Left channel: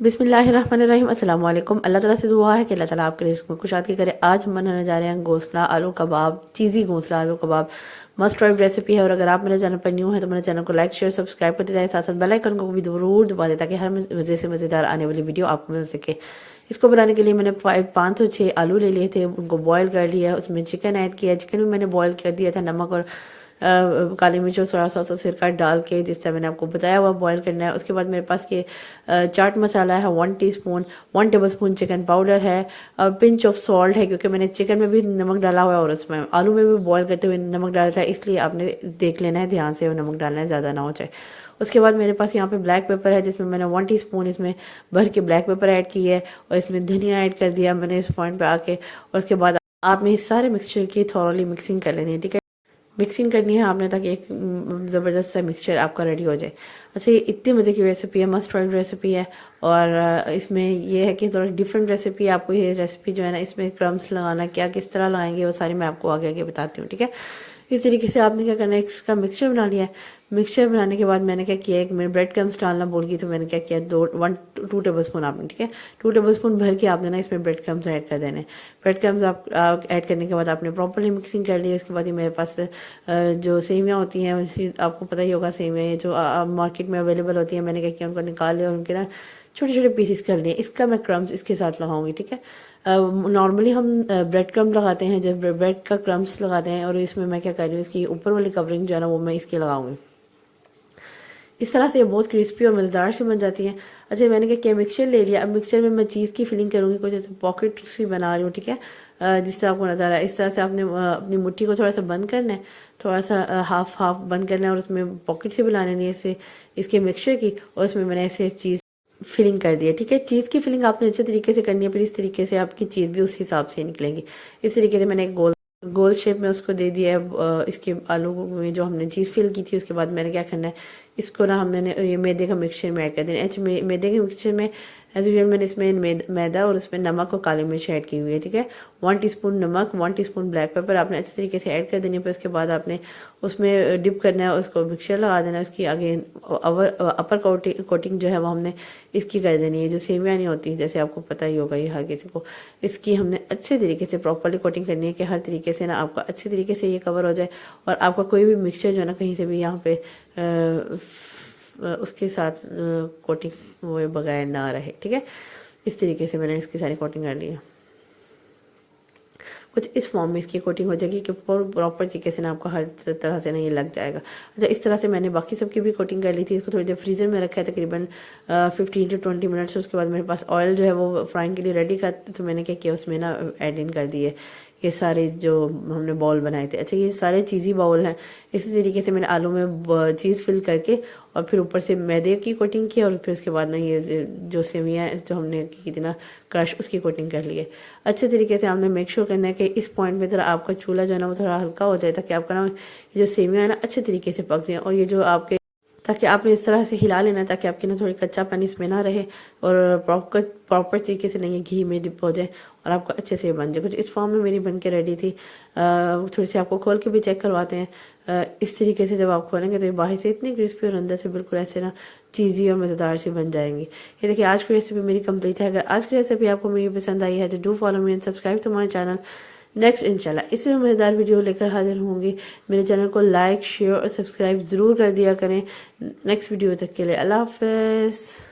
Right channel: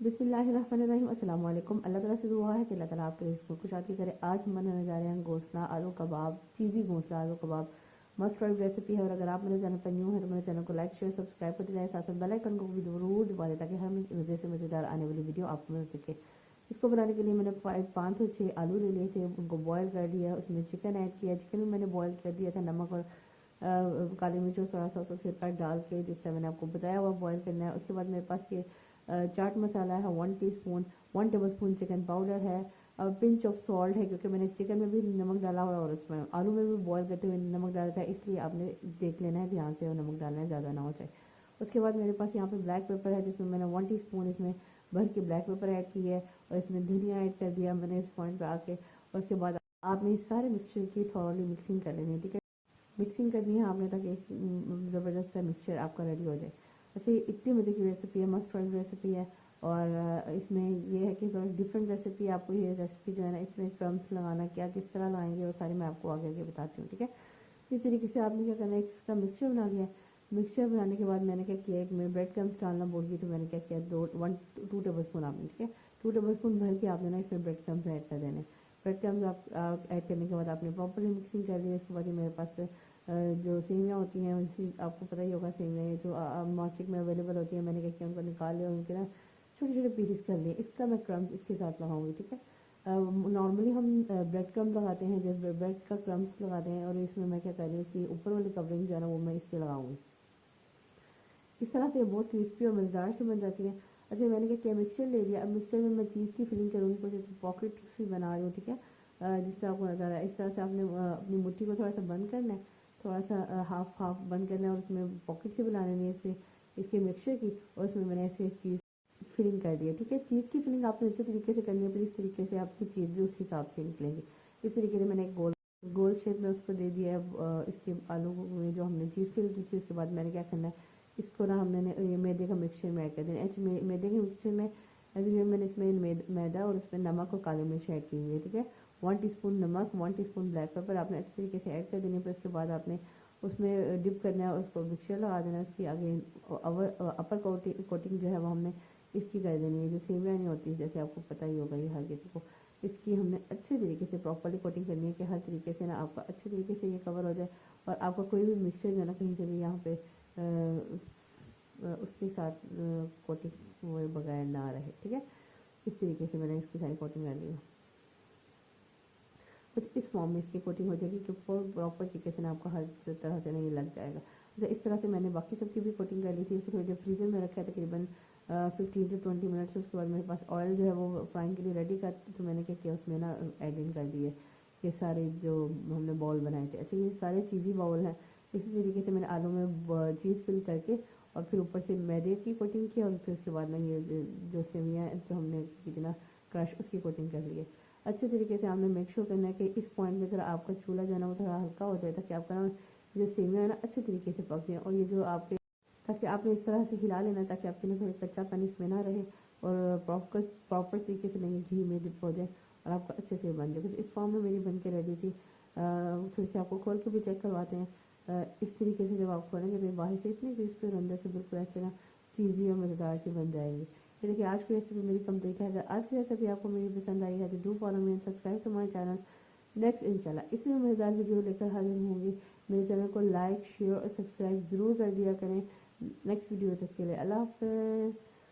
बिस्मिल्लाहिर्रहमानिर्रहीम अस्सलाम वालेकुम। अल्लाह ताला से दुआ है कि अल्लाह ताला आपके रिज़्क़ में कुशादगी करे। आज हम बनाने जा रहे हैं घोंसला आलू कबाब, चीज़ी घोंसला आलू कबाब। मस्ट ट्राई रेसिपी है और अगर आप मेरे चैनल पर न्यू हैं तो मेरे चैनल को लाइक शेयर सब्सक्राइब करते जाएं, साथ साथ बेल आइकन को भी ज़रूर दबा दें ताकि हर मज़े से मज़ेदार आने वाली वीडियो आपको मिल सके। इसको बनाने के लिए मैंने 506 आलू ले लिए थे, उनको बॉयल कर लिया, उसमें चिकन ऐड किया। चिकन भी मैंने बॉयल कर दिया था नमक और काली मिर्च और सोया सॉस और सिरका डाल के, जिससे मैंने आपको बताया हुआ बॉयल करना है। उसके बाद मेरे पास ये चाट मसाला है 1 टीस्पून, 1 टेबलस्पून चिकन पाउडर है, पिंच ऑफ सॉल्ट है क्योंकि मैंने चिकन में भी नमक डाला हुआ है और उसमें आलू में भी बॉयल करते हुए नमक डाला था, इसलिए आपने देख लेना है ध्यान से, नमक डालना है, ज़्यादा ना हो जाए। उसके बाद मेरे पास यहाँ पे ब्लैक पेपर है जिसमें मैंने 1 टीस्पून इसमें भर के ब्लैक पेपर ऐड की है और इसमें धनिया ऐड कर दिया मैंने इस पॉइंट पे आके। और उसके बाद आपने इस सारे मिक्सचर की थॉरली मिक्सिंग कर लेनी है, ठीक है। मिक्सिंग करनी है आपने ताकि एक ज़बरदस्त सा मिक्सचर आपका रेडी हो जाए। अच्छा, ये इतनी मज़े की रेसिपी है, मस्ट ट्राई रेसिपी है। और इसमें ये है कि थोड़ा डिफरेंट रेसिपी है। आपको ये रेसिपी जो है ना, इसमें क्रम्स लगाना क्या किस तरह लगाएंगे वो सारी मैं आपको आगे आगे बताती हूँ, ठीक है। इस तरीके से आपने क्या करना है, इसका मिक्सचर बना लिया है। मिक्सचर बनाने के बाद मैंने क्या किया, एक मैंने ब्रेड क्रम्स डालना भूल गई तो मैंने क्या किया, 2 टेबल स्पून आपने, ठीक है, 2 टेबल स्पून भर के आपने ना इसमें ब्रेड क्रम्स ऐड कर देने। ब्रेड क्रम्स आप ऐड करने के बाद आपने प्रॉपरली मिक्सिंग कर ली। उसके बाद ये मेरे पास जो सेवियाँ होती हैं, आपको पता ही होगा सेवियाँ जो मार्केट में अवेलेबल होती हैं, मैंने क्या किया, उनको निकाल लिया और उनके ना छोटे छोटे पीसेस कर लिए। इसका मैं क्रम्स इसके साथ लगाऊंगी, ठीक है। नॉर्मली हम ब्रेड क्रम्ब लगाते हैं, जब ब्रेड का क्रम्स लगाते हैं, और इसमें मैं क्या कर रही हूँ, इसकी ऊपर वाली कवरिंग जो है ना वो मैं इसकी लगाऊंगी। इस तरह से ये बहुत क्रिस्पी और मज़ेदार से बन जाती हैं। अच्छा, मैंने क्या किया, मिक्सचर ले लिया। अब मिक्सचर में मैं चीज़ की फिलिंग करूँगी, कुछ पॉकेट सी बना रही हूँ, ठीक है, जिससे आपको नज़र आ रहा है। इस तरह से आपने अपनी मुट्ठी को थोड़ा सा बंद करना है, थोड़ा सा हाफ हाफ बंद करना है और उसमें पॉकेट से बनाने नहीं ऐसे इसके मिक्सचर की, और उसमें मैंने ऐसे चीज़ फिलिंग कर दिया, ठीक है। चीज़ की फिलिंग आपने अच्छे तरीके से करनी है, फिर इस तरीके से आपकी चीज़ भी उस हिसाब से निकलेंगी। इस तरीके से मैंने एक गोल शेप में उसको दे दिया है। इसके आलू में जो हमने चीज़ फिल की थी, उसके बाद मैंने क्या करना है, इसको ना हमने ये मैदे का मिक्सचर में ऐड कर देना है। अच्छा, मैदे के मिक्सचर में एज यूजल मैंने इसमें मैदा और उसमें नमक और काली मिर्च ऐड की हुई है, ठीक है। 1 टीस्पून नमक, 1 टीस्पून ब्लैक पेपर आपने अच्छे तरीके से ऐड कर देनी है। फिर उसके बाद आपने उसमें डिप करना है, उसको मिक्सचर लगा देना है। उसकी आगे अपर कोटिंग जो है वो हमने इसकी कर देनी है, जो सेवियाँ नहीं होती, जैसे आपको पता ही होगा ये हर किसी को। इसकी हमने अच्छे तरीके से प्रॉपरली कोटिंग करनी है कि हर तरीके से ना आपका अच्छे तरीके से ये कवर हो जाए और आपका कोई भी मिक्सचर जो है ना कहीं से भी यहाँ पे उसके साथ कोटिंग हुए बगैर ना रहे, ठीक है। इस तरीके से मैंने इसकी सारी कोटिंग कर ली है। कुछ इस फॉर्म में इसकी कोटिंग हो जाएगी कि प्रॉपर तरीके से ना आपको हर तरह से ना ये लग जाएगा। अच्छा, इस तरह से मैंने बाकी सबकी भी कोटिंग कर ली थी। इसको थोड़ी देर फ्रीज़र में रखा है, तकरीबन 15 to 20 मिनट्स। उसके बाद मेरे पास ऑयल जो है वो फ्राइंग के लिए रेडी था, तो मैंने क्या किया, उसमें ना ऐड इन कर दिए ये सारे जो हमने बॉल बनाए थे। अच्छा, ये सारे चीज़ी बाउल हैं। इसी तरीके से मैंने आलू में चीज़ फिल करके और फिर ऊपर से मैदे की कोटिंग की और फिर उसके बाद ना ये जो सेवियाँ जो हमने की थी ना क्रश, उसकी कोटिंग कर ली है। अच्छे तरीके से आपने मेक श्योर करना है कि इस पॉइंट में थोड़ा आपका चूल्हा जो है ना वो थोड़ा हल्का हो जाए, ताकि आपका ना ये जो सेवियाँ है ना अच्छे तरीके से पक जाए। और ये जो आपके, ताकि आपने इस तरह से हिला लेना ताकि आपके ना थोड़ी कच्चा पानी इसमें ना रहे और प्रॉपर तरीके से नहीं घी में डिप हो जाए और आपको अच्छे से बन जाए। कुछ इस फॉर्म में मेरी बन के रेडी थी। थोड़ी सी आपको खोल के भी चेक करवाते हैं। इस तरीके से जब आप खोलेंगे तो ये बाहर से इतनी क्रिस्पी और अंदर से बिल्कुल ऐसे ना चीज़ी और मज़ेदार से बन जाएंगी। ये देखिए, आज की रेसिपी मेरी कंप्लीट है। अगर आज की रेसिपी आपको मेरी पसंद आई है तो do follow me and subscribe to my channel. Next इंशाल्लाह इसमें मज़ेदार वीडियो लेकर हाजिर होंगी। मेरे चैनल को लाइक शेयर और सब्सक्राइब ज़रूर कर दिया करें। नेक्स्ट वीडियो तक के लिए अल्लाह हाफ़िज़।